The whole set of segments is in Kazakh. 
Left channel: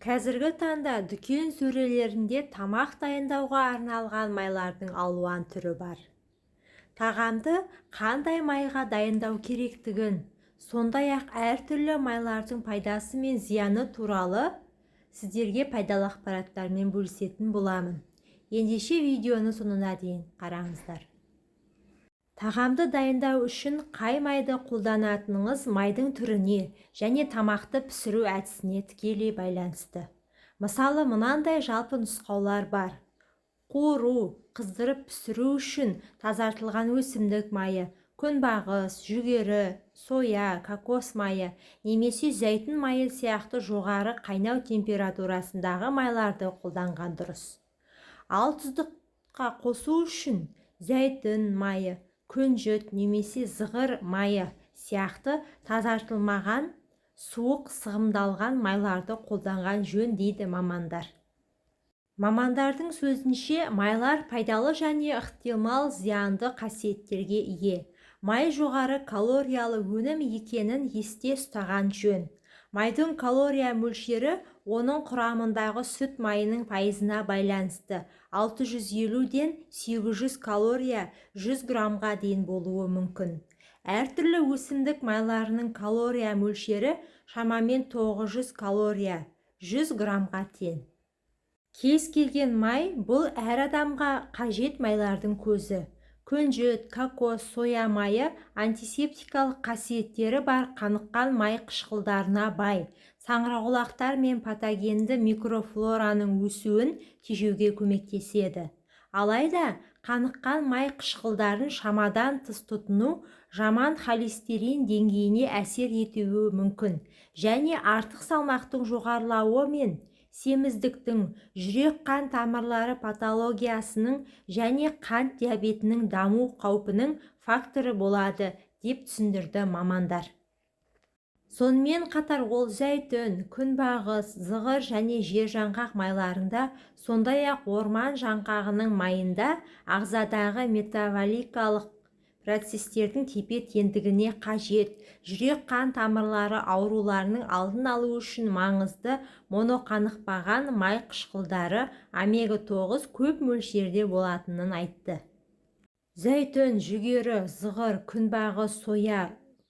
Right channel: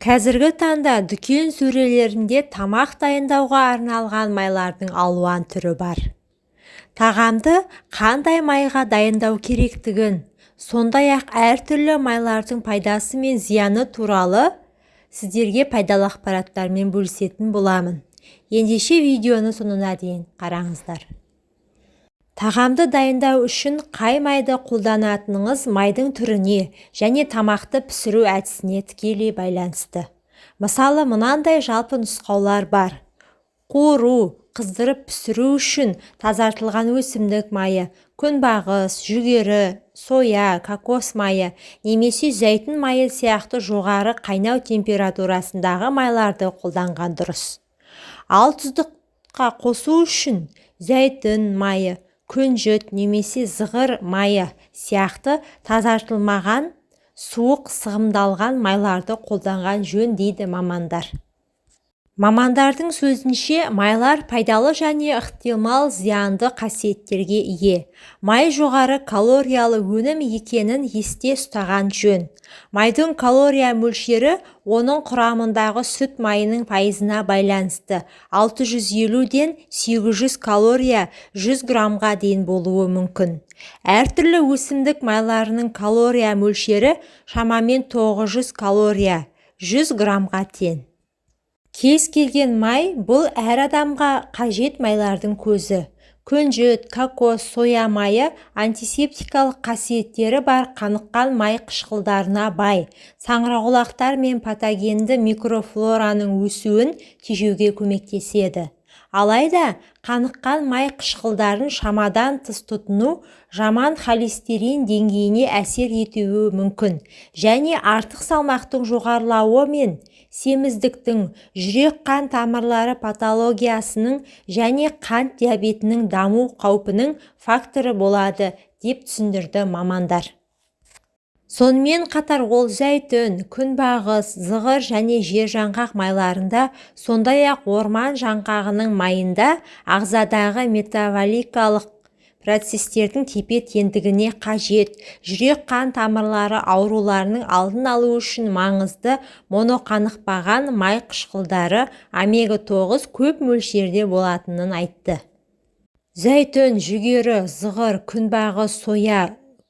Қазіргі таңда дүкен сөрелерінде тамақ дайындауға арналған майлардың алуан түрі бар. Тағамды қандай майға дайындау керектігін, сондай-ақ әртүрлі майлардың пайдасы мен зияны туралы сіздерге пайдалы ақпараттармен бөлісетін боламын. Ендеше видеоны соңына дейін қараңыздар. Тағамды дайындау үшін қай майды қолданатыныңыз майдың түріне және тамақты пісіру әдісіне тікелей байланысты. Мысалы, мынандай жалпы нұсқаулар бар. Қуыру, қыздырып пісіру үшін тазартылған өсімдік майы, күнбағыс, жүгері, соя, кокос майы немесе зәйтүн майы сияқты жоғары қайнау температурасындағы майларды қолданған дұрыс. Ал тұздыққа қосу үшін зәйтүн майы, күнжіт немесе зығыр майы сияқты тазартылмаған, суық сығымдалған майларды қолданған жөн дейді мамандар. Мамандардың сөзінше, майлар пайдалы және ықтимал зиянды қасиеттерге ие. Май жоғары калориялы өнім екенін есте ұстаған жөн. Майдың калория мөлшері оның құрамындағы сүт майының пайызына байланысты. 650-ден 800 калория 100 граммға дейін болуы мүмкін. Әртүрлі өсімдік майларының калория мөлшері шамамен 900 калория 100 граммға тең. Кез келген май бұл әр адамға қажет майлардың көзі. Күнжіт, кокос, соя майы антисептикалық қасиеттері бар қаныққан май қышқылдарына бай. Саңырауқұлақтар мен патогенді микрофлораның өсуін тежеуге көмектеседі. Алайда, қаныққан май қышқылдарын шамадан тыс тұтыну жаман холестерин деңгейіне әсер етуі мүмкін және артық салмақтың жоғарылауы мен семіздіктің, жүрек-қан тамырлары патологиясының және қант диабетінің даму қаупінің факторы болады, деп түсіндірді мамандар. Сонымен қатар ол зәйтүн, күнбағыс, зығыр және жержаңғақ майларында, сондай-ақ орман жаңғағының майында ағзадағы метаболикалық процестердің тепе-теңдігіне қажет, жүрек-қан тамырлары ауруларының алдын алу үшін маңызды моноқанықпаған май қышқылдары омега-9 көп мөлшерде болатынын айтты. Зәйтүн, жүгері, зығыр, күнбағыс, соя,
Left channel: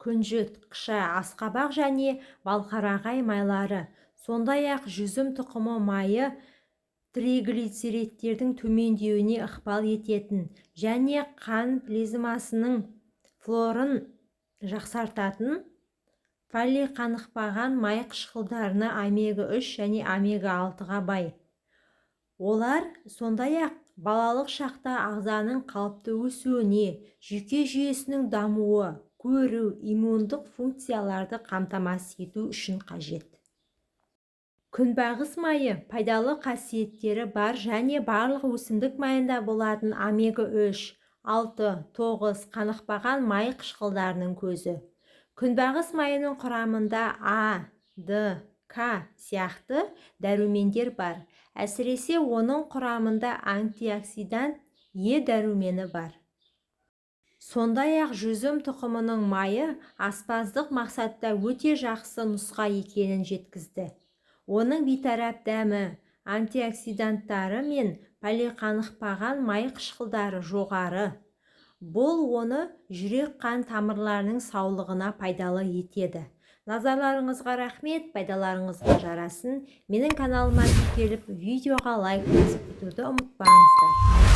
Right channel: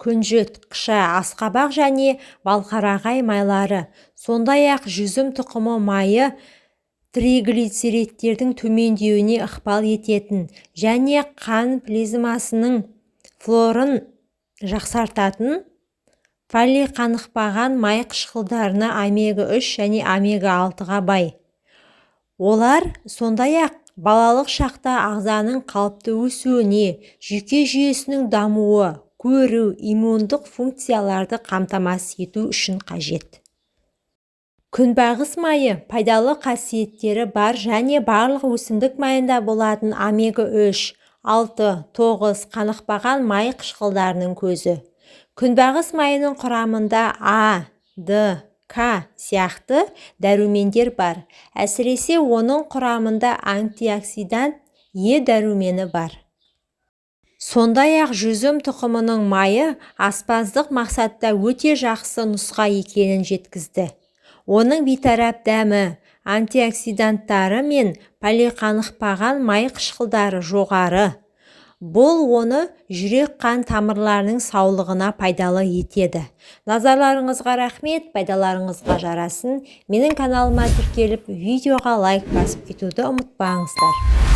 күнжіт, қыша, асқабақ және балқарағай майлары, сондай-ақ жүзім тұқымы майы триглицеридтердің төмендеуіне ықпал ететін және қан плазмасының флорын жақсартатын полиқанықпаған май қышқылдарына омега-3 және омега-6-ға бай. Олар сондай-ақ балалық шақта ағзаның қалыпты өсуіне, жүйке жүйесінің дамуы, көру, иммундық функцияларды қамтамасыз ету үшін қажет. Күнбағыс майы пайдалы қасиеттері бар және барлық өсімдік майында болатын омега-3, 6, 9 қанықпаған май қышқылдарының көзі. Күнбағыс майының құрамында А, Д, К сияқты дәрумендер бар. Әсіресе оның құрамында антиоксидант Е дәрумені бар. Сондай-ақ жүзім тұқымының майы аспаздық мақсатта өте жақсы нұсқа екенін жеткізді. Оның бейтарап дәмі, антиоксиданттары мен полиқанықпаған май қышқылдары жоғары. Бұл оны жүрек-қан тамырларының саулығына пайдалы етеді. Назарларыңызға рахмет, пайдаларыңызға жарасын. Менің каналыма тіркеліп, видеоға лайк басып кетуді ұмытпаңыздар.